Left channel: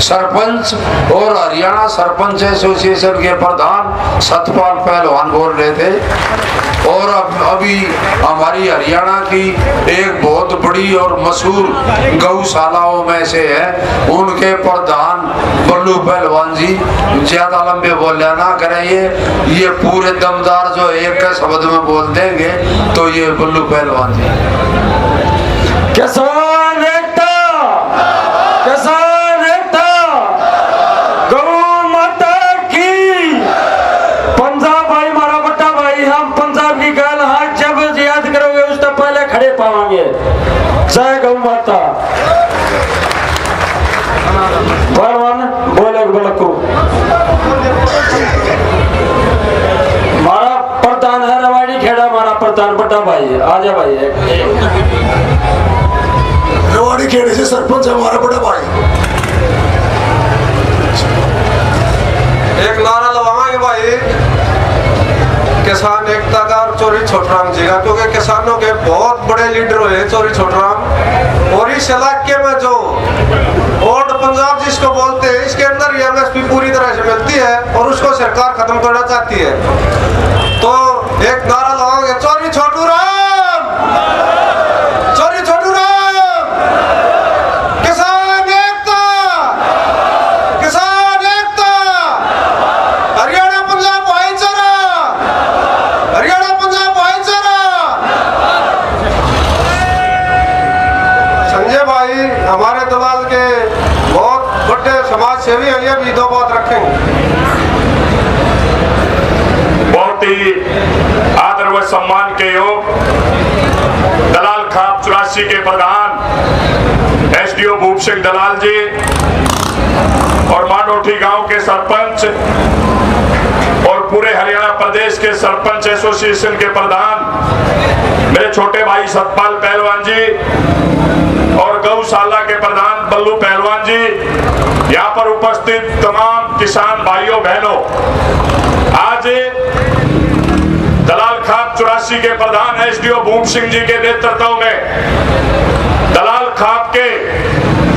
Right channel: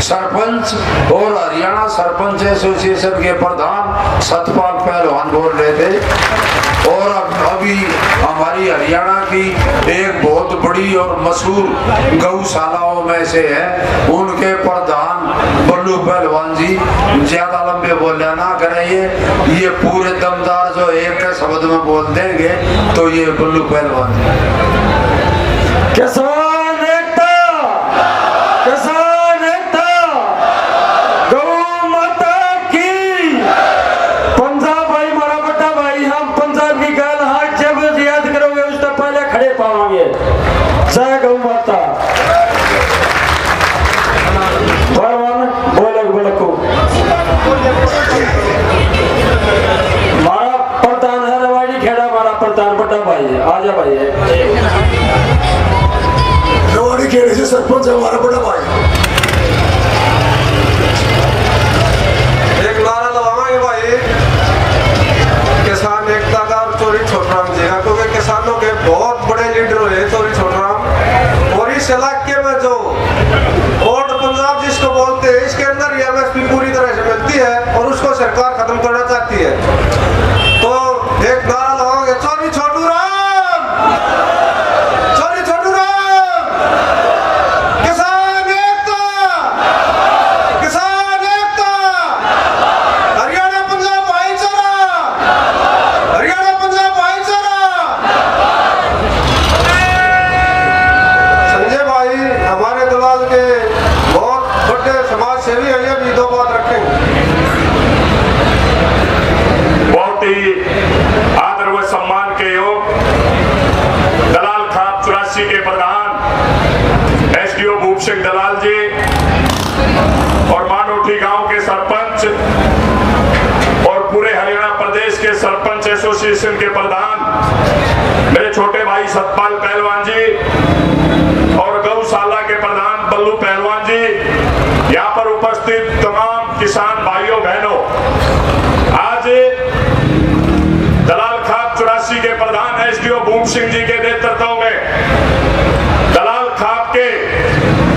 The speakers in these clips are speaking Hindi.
सरपंच और हरियाणा सरपंच एसोसिएशन के प्रधान सतपाल पहलवान बोल रहे थे। और अभी हमारी हरियाणा की एक बहुत बड़ी और मशहूर गौशालाओं में से है, उनके प्रधान बल्लू पहलवान जी। ज्यादा लंबे बोलना ना कराइए, ये पूरे दमदार जो एक के शब्द में बोल देंगे तो ये बल्लू पहलवान जी। किसान एकता, किसान एकता, गौ माता की। पंजाब भाई हमारा बड़ा भाई, हम पंजाब की गाल हाथ जब याद करोगे उससे पहले खड़े पावांगे। जय गौ माता। भगवान बोले बोलको हमारा प्रधान है रवाड़ी खेड़ा, हमारा प्रधान बड़ा भाई है। आजा भाई है रवाड़ी खेड़े से सरपंच है हमारा बड़ा भाई। एक नारा लगावांगे भाई किसान एकता का और चोरी छोटराम जी का, क्योंकि किसानों के बहुत बड़े लीडर हुए चोरी छोटराम। और इस इलाके में जो वोट पंजाब जिसको बोलते हैं, इसके अंदर एमएसपी पूरी तरह से मिलती है और उसको सरकार खत्म करना चाहती है। तो एक नारा लगाओगे, चोरी छोटू राम, चोरी छोटू राम, किसान एकता, किसान एकता, हरियाणा पंजाब भाईचारा, हरियाणा पंजाब भाईचारा। संजय भाई हमारे दलाल के बहुत बड़े समाज सेवी हैं, ये भी दो बात रखेंगे। बहुत ही आदर व सम्मान के योग दलाल खाप 84 के प्रधान एसडीओ भूप सिंह दलाल जी और मानोठी गांव के सरपंच और पूरे हरियाणा प्रदेश के सरपंच एसोसिएशन के प्रधान मेरे छोटे भाई सतपाल पहलवान जी और गौशाला के प्रधान बल्लू पहलवान जी, यहाँ पर उपस्थित तमाम किसान भाइयों बहनों, आज दलाल खाप 84 के प्रधान एसडीओ भूप सिंह जी के नेतृत्व में दलाल खाप के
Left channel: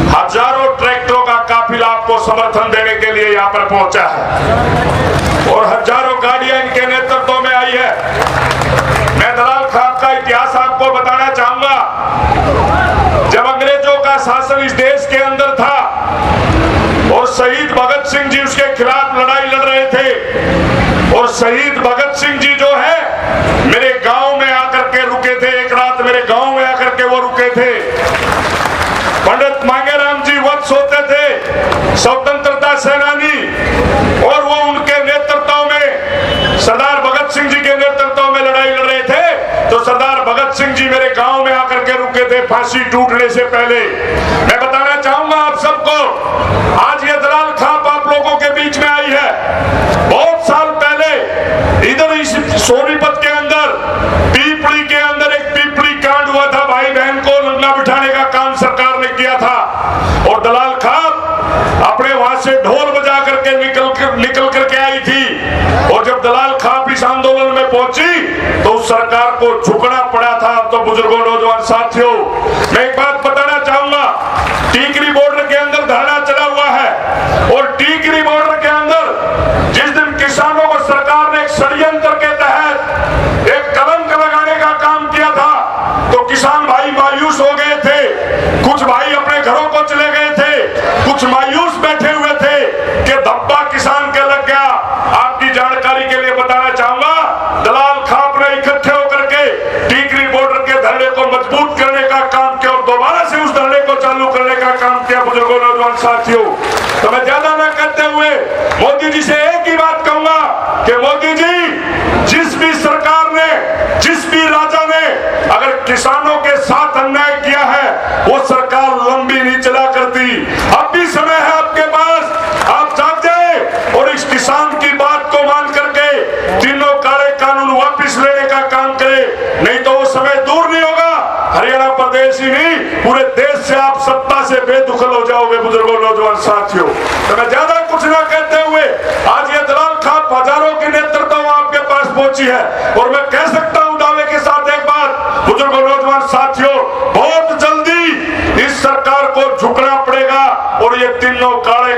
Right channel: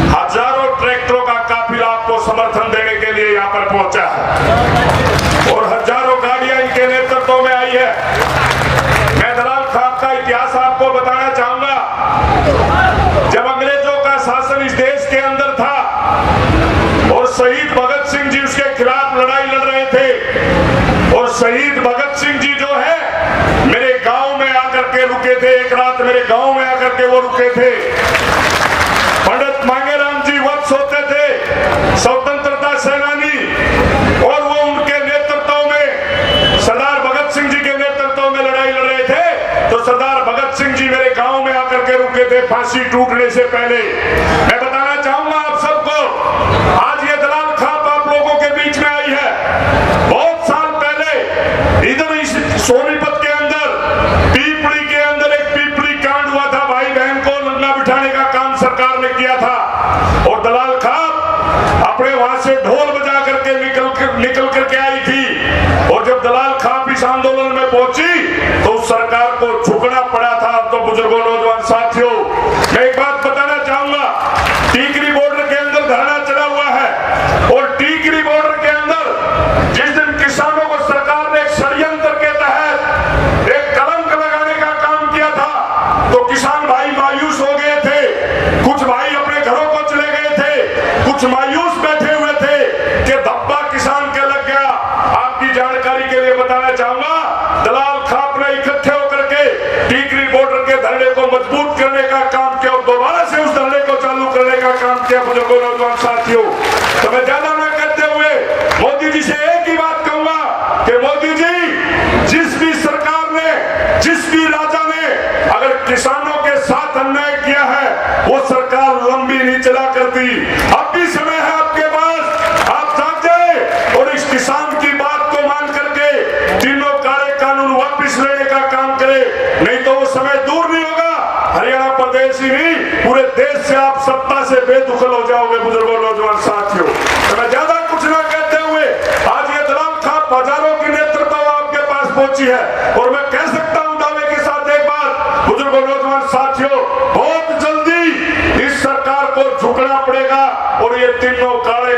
हजारों ट्रैक्टरों का काफिला आपको समर्थन देने के लिए यहाँ पर पहुंचा है और हजारों गाड़ियां इनके नेतृत्व में आई है। मैं दलाल खाप का इतिहास आपको बताना चाहूंगा। जब अंग्रेजों का शासन इस देश के अंदर था और शहीद भगत सिंह जी उसके खिलाफ लड़ाई लड़ रहे थे, और शहीद भगत सिंह जी जो है मेरे गांव में आकर के रुके थे, एक रात मेरे गांव में आकर के वो रुके थे। पंडित मांगेराम जी वत्स होते थे, स्वतंत्रता सेनानी, और वो उनके नेतृत्व में सरदार भगत सिंह जी के नेतृत्व में लड़ाई लड़ रहे थे। तो सरदार भगत सिंह जी मेरे गांव में आकर के रुके थे फांसी टूटने से पहले। मैं बताना चाहूंगा आप सबको, आज ये दलाल खाप आप लोगों के बीच में आई है। बहुत साल पहले इधर इस सोनीपत के अंदर पीपड़ी के अंदर एक पीपड़ी कांड हुआ था, भाई बहन को लंगा बिठाने का काम सरकार ने किया था और दलाल खाप अपने वहां से ढोल बजा करके निकल करके आई थी। और जब दलाल खाप इस आंदोलन में पहुंची तो उस सरकार को झुकना पड़ा था। तो बुजुर्गों, नौजवान साथियों, मैं एक बात बताना चाहूंगा, टीकरी बॉर्डर के अंदर धरना चला हुआ है और टीकरी बॉर्डर के अंदर जिस दिन किसानों को सरकार ने एक षड्यंत्र के तहत एक कलंक लगाने का काम किया था तो किसान भाई मायूस हो गए थे, कुछ भाई अपने घरों को चले गए थे, कुछ मायूस बैठे हुए थे कि धब्बा किसान के लग गया। आपकी जानकारी के लिए बताना चाहूंगा, दलाल खाप ने इकट्ठे होकर के टीकरी बॉर्डर के धरने को मजबूत करने का काम किया और दोबारा से उस धरने को चालू करने का काम किया। बुजुर्गों, नौजवान साथियों, तो मैं ज्यादा न करते हुए मोदी जी से एक ही बात कहूंगा कि मोदी जी, जिस भी सरकार ने, जिस भी राजा ने अगर किसानों के साथ अन्याय किया है वो सरकार लंबी नहीं चला करती। अब भी समय है आपके पास, आप जाग जाए और इस किसान की बात को मान करके तीनों काले कानून वापस लेने का काम करे, नहीं तो वो समय दूर नहीं होगा। हरियाणा प्रदेश ही नहीं, पूरे देश से आप सत्ता से बेदखल हो जाओगे। बुजुर्गों, नौजवान साथियों, तो मैं ज्यादा कुछ ना कहते हुए आज ये दलाल खाप हजारों की नेतृत्व आपके पास पहुंची है और मैं कह सकता हूं दावे के साथ एक बात, बुजुर्गों, नौजवान साथियों, बहुत जल्दी इस सरकार को झुकना पड़ेगा और ये तीनों काले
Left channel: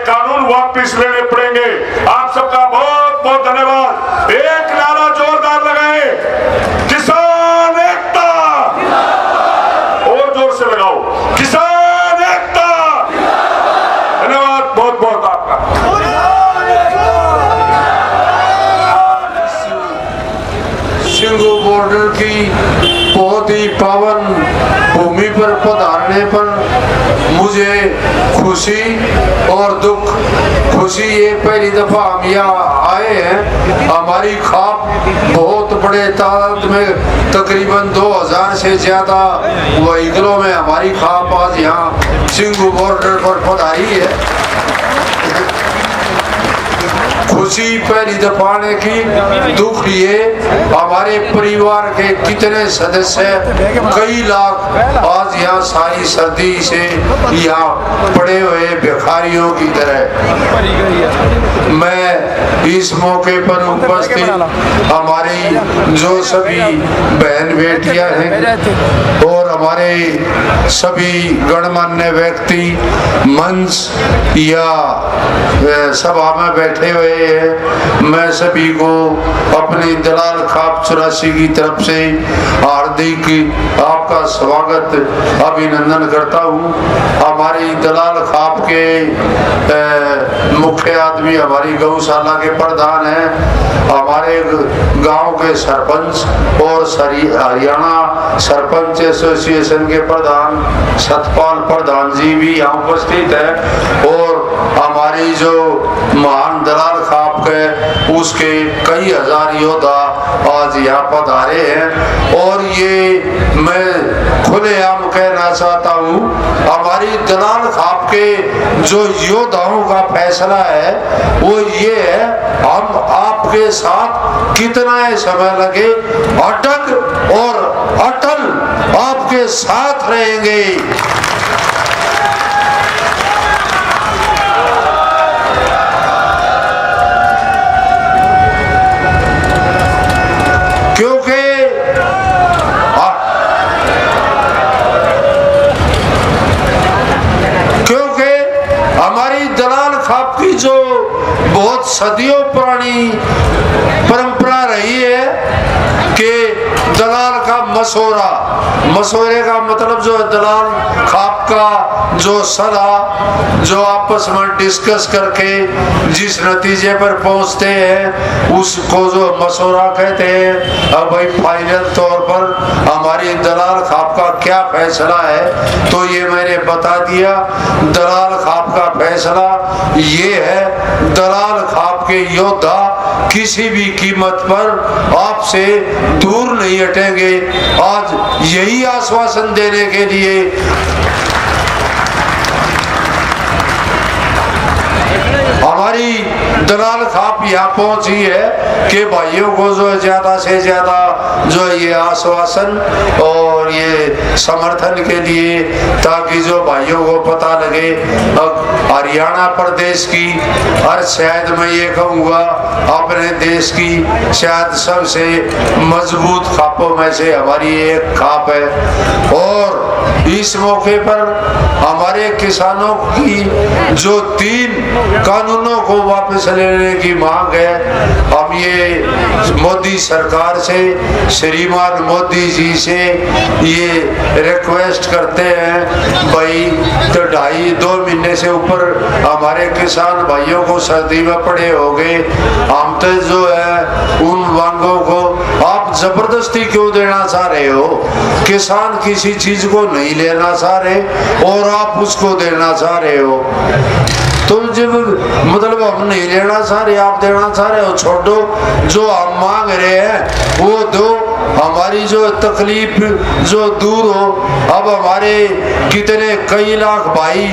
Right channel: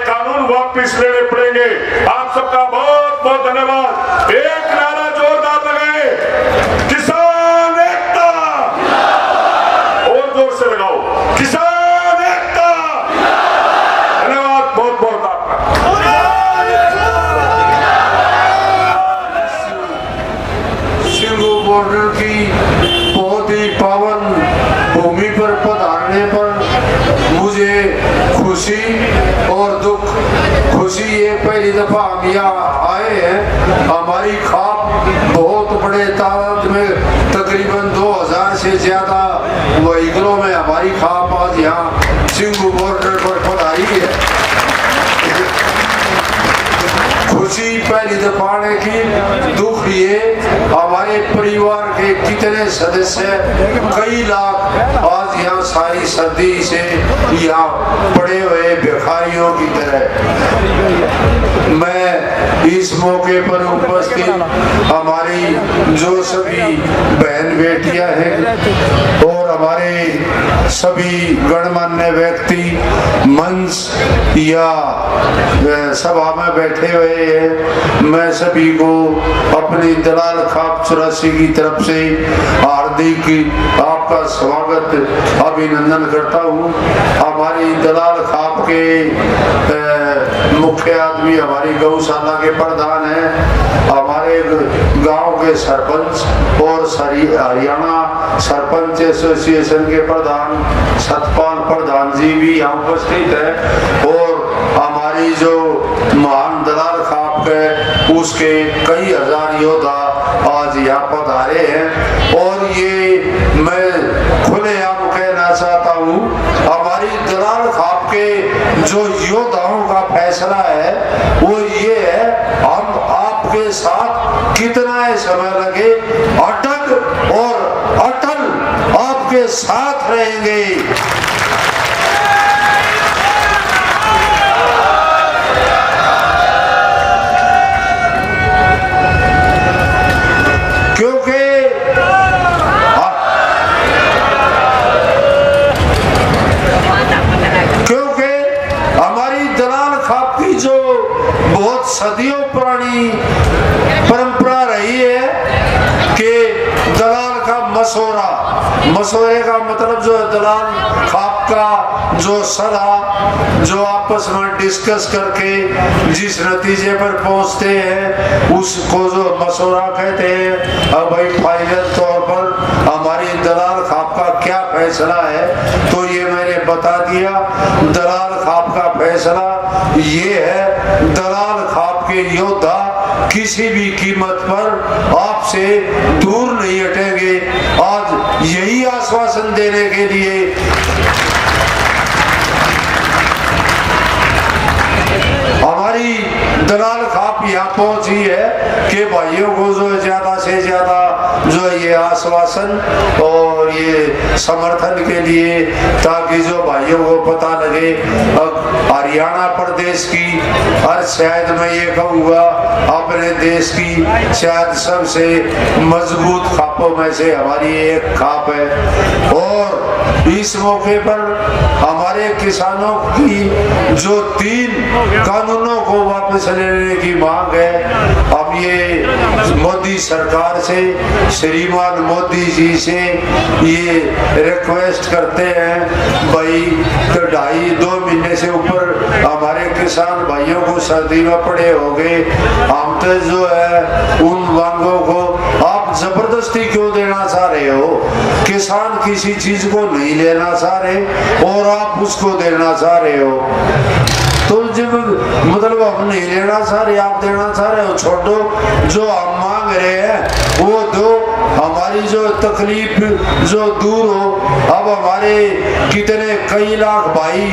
वापिस लेने पड़ेंगे। आप सबका बहुत बहुत धन्यवाद। एक नारा जोरदार लगाए, किसान एकता, और जोर से लगाओ, किसान एकता। धन्यवाद बहुत बहुत आपका। सिंगू बॉर्डर की बहुत ही पावन भूमि पर पधारने पर मुझे खुशी और दुख, खुशी ये पहली दफा हम यहाँ आए हैं। हमारी खाप बहुत बड़े तादाद में, तकरीबन 2000 से ज्यादा व्हीकलों में हमारी खाप आज यहाँ सिंगू बॉर्डर पर पधारी है। खुशी पहली दफा आने की, दुख ये हमारे परिवार के कितने सदस्य, कई लाख आज यहाँ सारी सर्दी से यहाँ पड़े हुए भिखारियों की तरह। मैं इस मौके पर उपस्थित हमारी जो सभी बहन बेटियां हैं और हमारे सभी गणमान्य व्यक्ति मंच या सभा में बैठे हुए हैं, मैं सभी को अपनी दलाल खाप 84 की तरफ से हार्दिक आपका स्वागत अभिनंदन करता हूँ। हमारी दलाल खाप के मुख्य आदमी हमारी गौशाला के प्रधान हैं, हमारे गांव के सरपंच और हरियाणा सरपंच एसोसिएशन के प्रधान सतपाल प्रधान जी भी यहाँ उपस्थित है और हमारी जो महान दलाल खाप है उसके कई हजार योद्धा आज यहाँ पधारे हैं। और ये मैं खुलेआम कहना चाहता हूँ, हमारी दलाल खाप के जो योद्धाओं का फैसला है वो ये है, हम आपके साथ कितना समय लगे अटक और अटल आपके साथ रहेंगे। जो बहुत सदियों पुरानी परंपरा रही है कि दलाल का मशोरे का मतलब जो दलाल खाप का जो सलाह जो आपस में डिस्कस करके जिस नतीजे पर पहुंचते हैं उसको जो मशोरा कहते हैं। अब भाई फाइनल तौर पर हमारी दलाल खाप का क्या फैसला है तो ये मैंने बता दिया। दलाल खाप का फैसला ये है, दलाल खाप के योद्धा किसी भी कीमत पर आपसे दूर नहीं हटेंगे। आज यही आश्वासन देने के लिए हमारी दलाल खाप यहाँ पहुंची है कि भाइयों को जो ज्यादा से ज्यादा जो ये आश्वासन और ये समर्थन के लिए, ताकि जो भाइयों को पता लगे हरियाणा प्रदेश की और शायद मैं ये कहूँगा अपने देश की शायद सबसे मजबूत खापों में से हमारी एक खाप है। और इस मौके पर हमारे किसानों की जो 3 कानूनों को वापस लेने की मांग है, हम ये मोदी सरकार से, श्रीमान मोदी जी से ये रिक्वेस्ट करते हैं भाई, तो 2.5-2 महीने से ऊपर हमारे किसान भाइयों को सर्दी में पड़े हो गए। हम तो जो है उन मांगों को आप जबरदस्ती क्यों देना चाह रहे हो? किसान किसी चीज को नहीं लेना चाह रहे और आप उसको देना चाह रहे हो। तुम जब मतलब हम नहीं लेना चाह रहे, आप देना चाह रहे हो, छोड़ो। जो हम मांग रहे हैं वो दो, हमारी जो तकलीफ जो दूर हो। अब हमारे कितने कई लाख भाई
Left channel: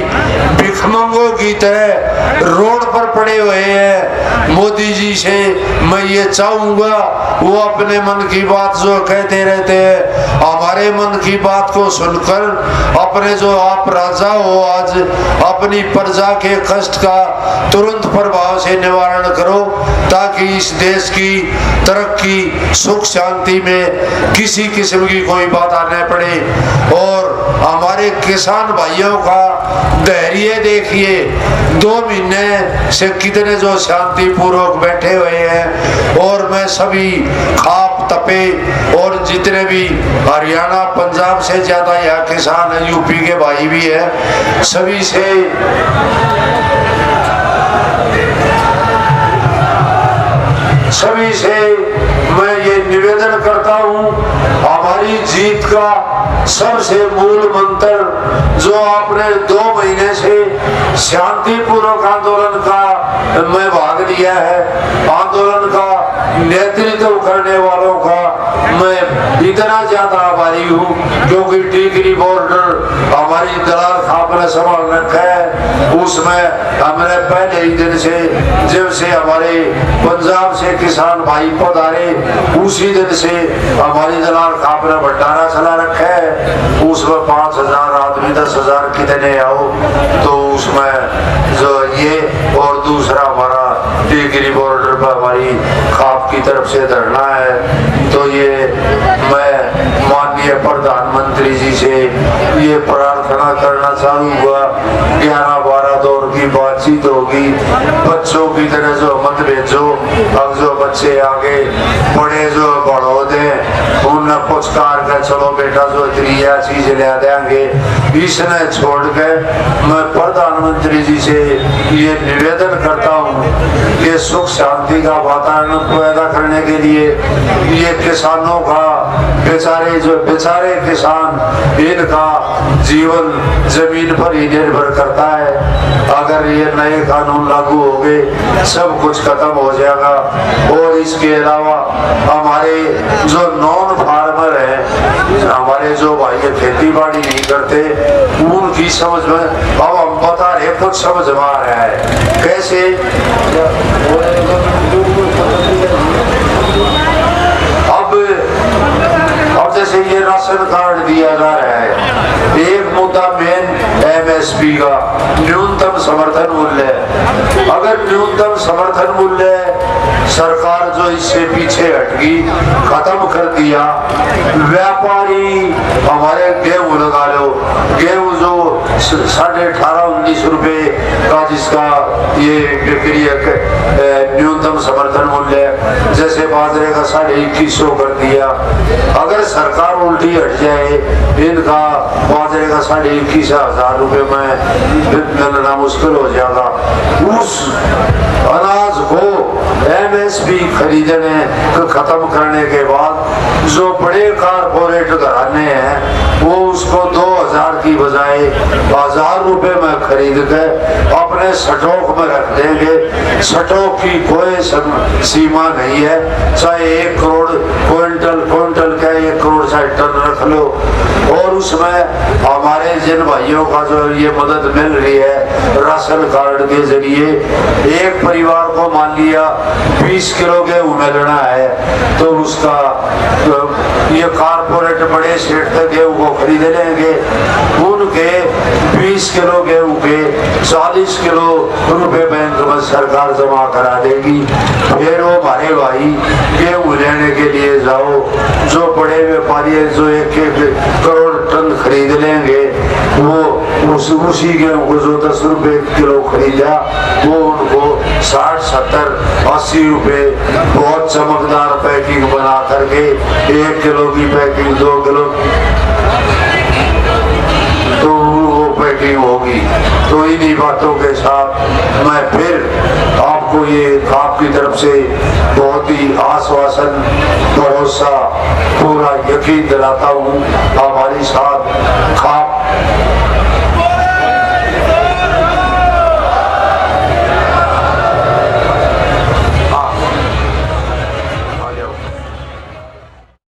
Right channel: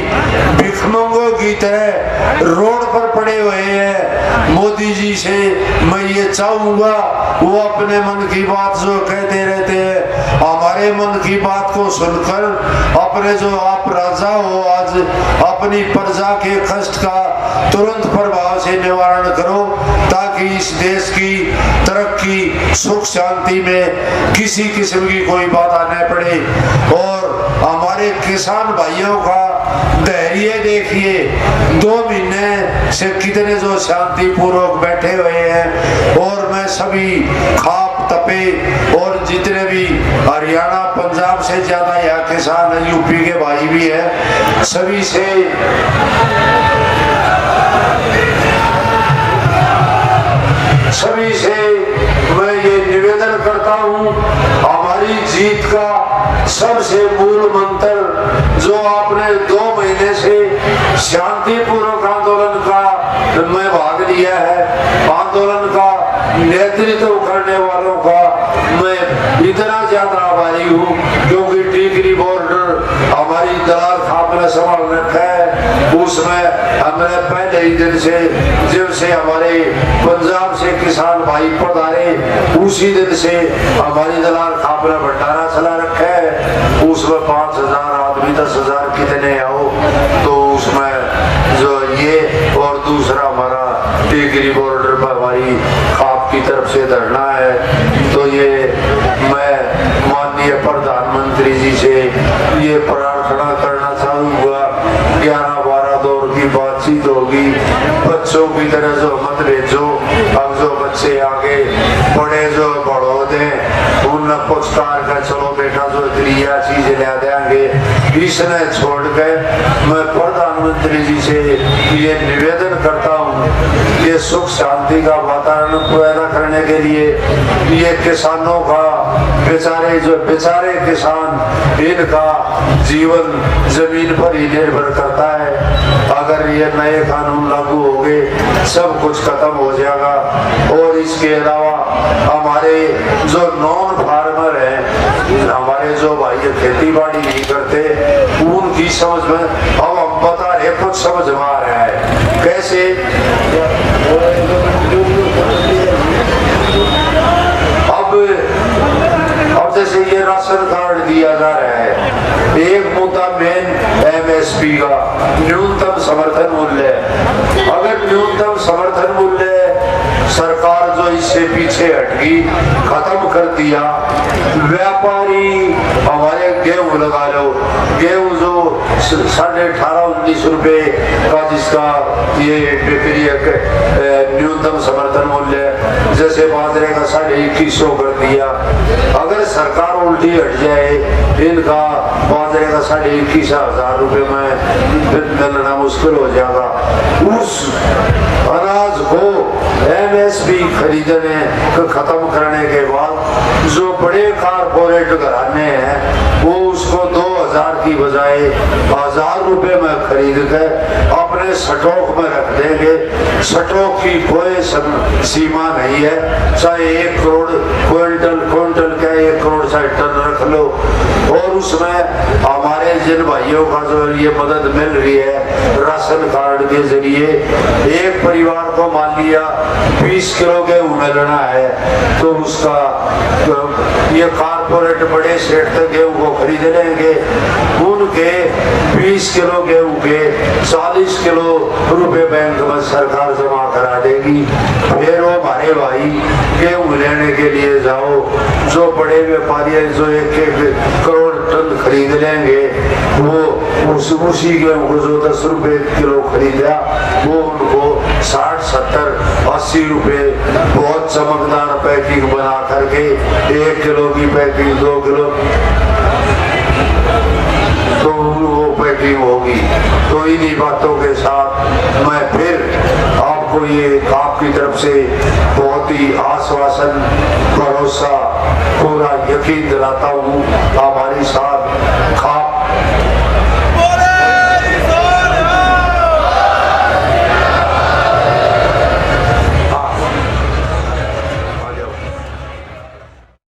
भिखमंगों की तरह रोड पर पड़े हुए हैं। मोदी जी से मैं ये चाहूंगा वो अपने मन की बात जो कहते रहते हैं, हमारे मन की बात को सुनकर अपने जो आप राजा हो आज अपनी प्रजा के कष्ट का तुरंत प्रभाव से निवारण करो, ताकि इस देश की तरक्की सुख शांति में किसी किस्म की कोई बात आने पड़े। और हमारे किसान भाइयों का धैर्य देखिए, 2 महीने से कितने जो शांति पूर्वक बैठे हुए हैं। और मैं सभी खाप तपे और जितने भी हरियाणा पंजाब से ज्यादा यहाँ किसान है, यूपी के भाई भी है, सभी से मैं ये निवेदन करता हूँ, हमारी जीत का सबसे मूल मंत्र जो आपने 2 महीने से शांतिपूर्वक आंदोलन का मैं भाग लिया है, आंदोलन का नेतृत्व करने वालों का मैं इतना ज्यादा आभारी हूँ, क्योंकि टिकरी बॉर्डर हमारी दलाल खाप ने संभाल रखा है। उसमें हमने पहले ही दिन से, जब से हमारे पंजाब से किसान भाई पधारे, उसी दिन से हमारी दलाल खाप ने भंडारा चला रखा है। उसमें 5,000 आदमी, 10,000 कितने आओ, तो उसमें जो ये और दूसरा हमारा टिकरी बॉर्डर पर हमारी खाप की तरफ से धरना है। तो ये मैं माननीय प्रधानमंत्री जी से ये प्रार्थना करना चाहूंगा, 11-12 दौर की बातचीत होगी, बच्चों की तरह जो मत भेजो। अब जो बच्चे आगे बड़े जो बढ़ो दे, उन्हें पुचकार कर चलो बेटा जो त्रिया चीज ले देंगे, इसने छोड़ के मैं प्रधानमंत्री जी से ये निवेदन करता हूँ कि सुख शांति का वातावरण पैदा करने के लिए ये किसानों का, बेचारे किसान, इनका जीवन जमीन पर ही निर्भर करता है। अगर ये नए कानून लागू हो गए, सब कुछ खत्म हो जाएगा। और इसके अलावा हमारे जो नॉन फार्मर हैं, हमारे जो भाई खेती बाड़ी नहीं करते, उनकी समझ में अब हम बता रहे, कुछ समझ में आ रहा है कैसे। अब जैसे ये राशन कार्ड दिया जा रहा है, एक मुद्दा मेन MSP का न्यूनतम समर्थन मूल्य। अगर न्यूनतम समर्थन मूल्य सरकार जो इससे पीछे हटगी, खत्म कर दिया, व्यापारी हमारे गेहूं लगा लो, गेहूं जो 18.5-19 रुपए का जिसका ये बिक्री न्यूनतम समर्थन मूल्य, जैसे बाजरे का 2150 कर दिया। अगर सरकार उल्टी हट जाए, इनका बाजरे का 21,500 रुपए में मिलना मुश्किल हो जाएगा। उस अनाज को MSP खरीदने को खत्म करने के बाद जो बड़े कारपोरेट घराने हैं, वो उसको 2,000 की बजाय 1,000 रुपए में खरीद के अपने स्टॉक में रख देंगे। स्टॉक की कोई सीमा नहीं है, चाहे 1 करोड़ क्विंटल का 1 करोड़ चाहे टन रख लो। और उसमें हमारे जिन भाइयों का जो ये मदद मिल रही है राशन कार्ड के जरिए, एक परिवार को मान लिया 20 किलो गेहूं मिलना है, तो उसका ये कारपोरेट बड़े सेठ तक गेहूं को खरीद लेंगे, उनके 20 किलो गेहूं के 40 किलो रुपए बैंक में सरकार जमा करा देगी। फिर वो हमारे भाई गेहूं लेने के लिए जाओ, जो बड़े व्यापारी है जो 1-1 करोड़ टन खरीद लेंगे, वो उसी गेहूं को जो 10 रुपए किलो खरीदा, वो उनको 60-70-80 रुपए बहुत चमकदार पैकिंग बना करके 1 किलो की पैकिंग 2 किलो तो वो पैकिंग होगी। तो इन्हीं बातों के साथ मैं फिर आपको ये खाप की तरफ से बहुत ही आश्वासन, भरोसा, पूरा यकीन दिलाता हूँ, हमारी साथ खाप